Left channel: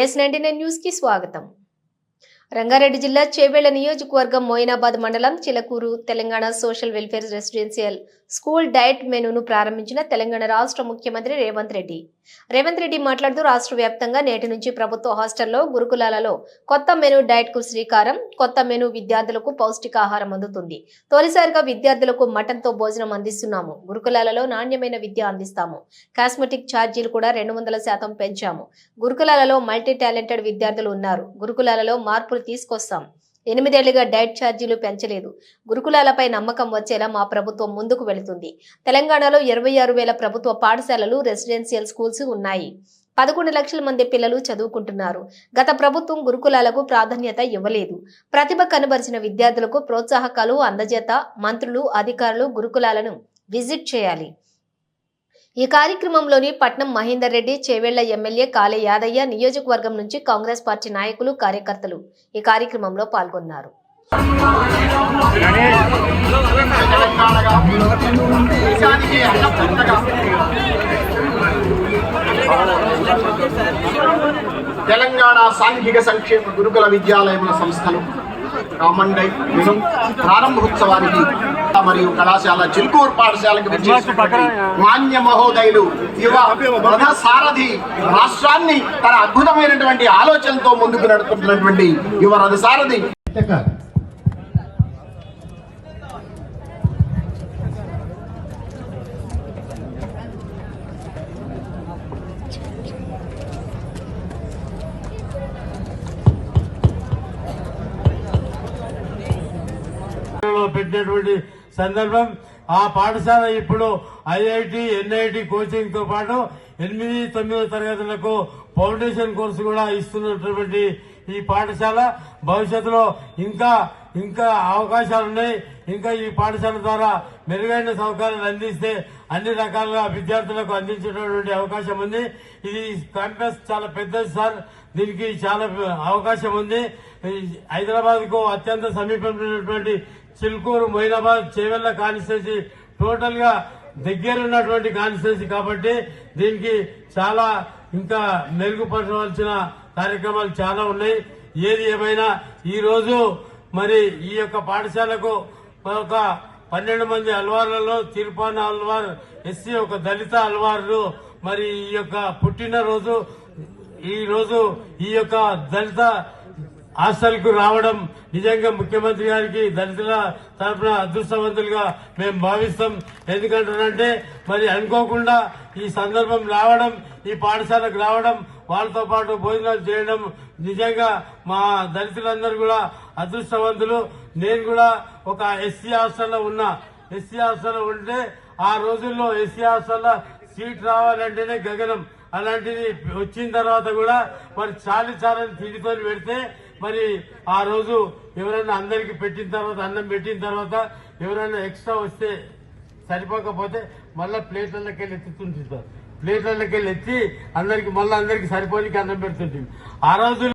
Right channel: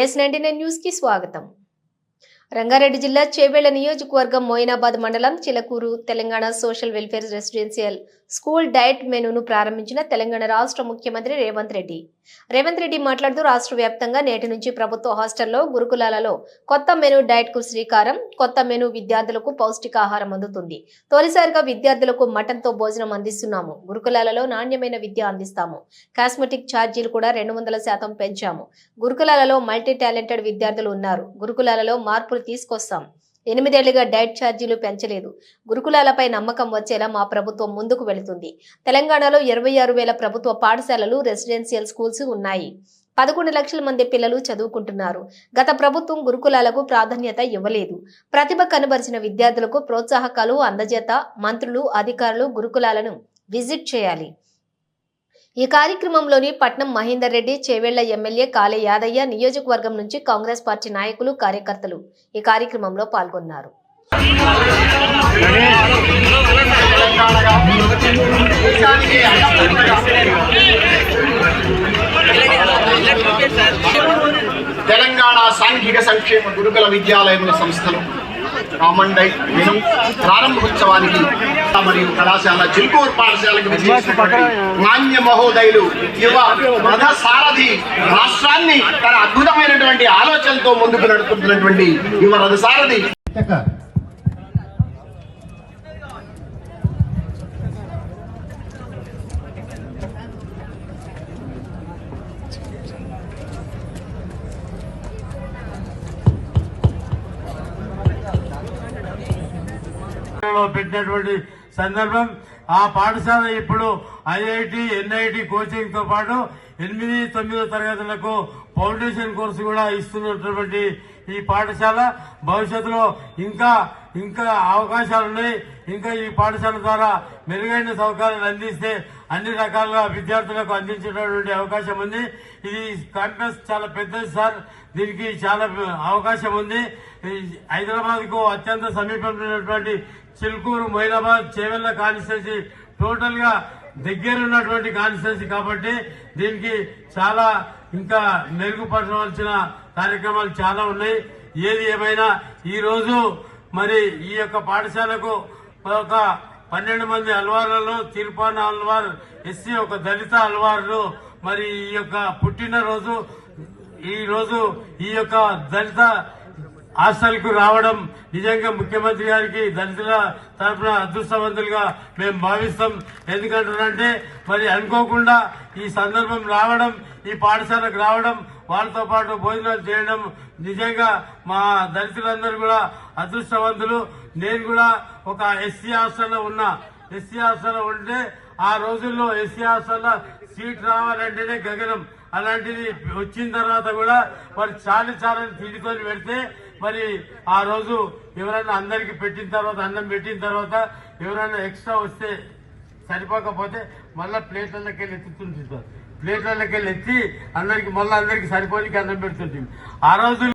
Yes ninety nine న్యూస్కి స్వాగతం. రంగారెడ్డి జిల్లా చేవేళ్ళ నియోజకవర్గం మోయినాబాద్ మండలం Chilkur Telangana social welfare residential school diet మెనూను ప్రారంభించిన తెలంగాణ రాష్ట్ర ముఖ్యమంత్రి రేవంత్ రెడ్డి. రేవంత్ రెడ్డి మాట్లాడుతూ రాష్ట్ర వ్యాప్తంగా నేటి నుంచి ప్రభుత్వ హాస్టల్లో గురుకులాలలో కొత్త మెను డైట్కు శ్రీకారం కొత్త మెను విద్యార్థులకు పౌష్టికాహారం అందుతుంది. తొలిసారిగా విద్యార్థులకు మటన్తో భోజనం అందిస్తున్నాము. గురుకులాలలో నాణ్యమైన విద్య అందిస్తాము. కాస్మెటిక్ ఛార్జీలు కూడా రెండు వందల శాతం పెంచాము. గురుకులాలలో మల్టీ టాలెంటెడ్ విద్యార్థులు ఉన్నారు. గురుకులాలలో మార్పులు తీసుకొస్తాం. ఎనిమిదేళ్ళుగా డైట్ ఛార్జీలు పెంచలేదు. గురుకులాలపై నమ్మకం వచ్చేలా మా ప్రభుత్వం ముందుకు వెళుతుంది. తెలంగాణలో ఇరవై ఆరు వేల ప్రభుత్వ పాఠశాలలు రెసిడెన్షియల్ స్కూల్స్ ఉన్నాయి. పదకొండు లక్షల మంది పిల్లలు చదువుకుంటున్నారు. గత ప్రభుత్వం గురుకులాలకు ప్రాధాన్యత ఇవ్వలేదు. ప్రతిభ కనబరిచిన విద్యార్థులకు ప్రోత్సాహకాలు అందజేత మంత్రులు అధికారులు గురుకులాలను విజిట్ చేయాలి. ఈ కార్యక్రమంలోని పట్నం మహేందర్ రెడ్డి చేవెళ్ళ ఎమ్మెల్యే కాలే యాదయ్య నియోజకవర్గం నుంచి కాంగ్రెస్ పార్టీ నాయకులు కార్యకర్తలు ఈ కార్యక్రమంలో పాల్గొన్నారు. తెలంగాణ సాంఘిక సంక్షేమ గురుకుల విద్యాలయముల సంస్థను కామన్ డైట్ మెను ప్రారంభోత్సవానికి మరియు కళాశాల చిల్కూరు పాఠశాలకు మాన్య మహోదయులు యువ రథ సారథి రాష్ట్రాన్ని తన అద్భుతమైనటువంటి ఆలోచనతో ముందుకు నడుపుతున్నటువంటి యువ రథ సారథి. పాఠశాలలో పెట్టినటువంటి సందర్భం ఆ పాఠశాల ఇప్పుడు ఐఐటి ఎన్ఐటి కోచింగ్తో పాటు ఎనిమిది తొమ్మిదో తరగతులకు ఫౌండేషన్ కోర్సు కూడా ఇస్తున్నటువంటి ఈ పాఠశాల. భవిష్యత్తులో ఇంకా ఇంకా అవకాశాలు ఉన్నాయి ఇంకా ఈ పాఠశాల ద్వారా మెరుగైన సౌకర్యాలు అందిస్తే అన్ని రకాల విద్యార్థులకు అందించేటటువంటి అవకాశం ఉంది. ఇది క్యాంపస్ చాలా పెద్దది సార్. దీనికి చాలా అవకాశం ఉంది. హైదరాబాద్కు అత్యంత సమీపంలో ఉన్నటువంటి చిల్కూరు మొయినాబాద్ చేవెళ్ళ కాన్స్టిట్యూన్సీ టోటల్గా దగ్గర ఉన్నటువంటి కాన్స్టిట్యూన్సీ కాబట్టి దీనికి చాలా ఇంకా మెరుగుపరచవలసిన కార్యక్రమాలు చాలా ఉన్నాయి. ఏది ఏమైనా ఈ రోజు మరి ఈ యొక్క పాఠశాలకు ఒక పన్నెండు మంది అల్వార్లలో తిరుపాన అల్వార్ ఎస్సీ ఒక దళిత అల్వార్లు మరి ఈ యొక్క పుట్టినరోజు ఈ రోజు ఈ యొక్క దళిత హాస్టల్కు రావడం నిజంగా ముఖ్యమంత్రి గారికి దళితుల తరఫున అదృష్టవంతులుగా మేము భావిస్తాం. ఎందుకంటారంటే మరి అనుకోకుండా ఈ సందర్భం రావడం ఈ పాఠశాలకు రావడం వాళ్ళతో పాటు భోజనాలు చేయడం నిజంగా మా దళితులందరూ కూడా అదృష్టవంతులు. నేను కూడా ఒక ఎస్సీ హాస్టల్లో ఉన్నా. ఎస్సీ హాస్టల్లో ఉంటే ఆ రోజుల్లో ఎస్సీ హాస్టల్లో సీట్ రావాలంటేనే గగనం. అలాంటిది వచ్చిన తర్వాత కూడా మరి చాలి చాలని తిండికొని పెడితే మరి ఆ రోజు ఎవరైనా అందరికి పెట్టిన తర్వాత అన్నం పెట్టిన తర్వాత ఎవరైనా ఎక్స్ట్రా వస్తే సరిపోకపోతే మళ్ళా ప్లేట్లకి వెళ్ళి ఎత్తుతుంటారు ప్లేట్లకి వెళ్ళి ఎత్తి అందరికి మళ్ళీ అందరికి సరిపోయి అన్నం పెడుతుంటుంది. ఆ రోజు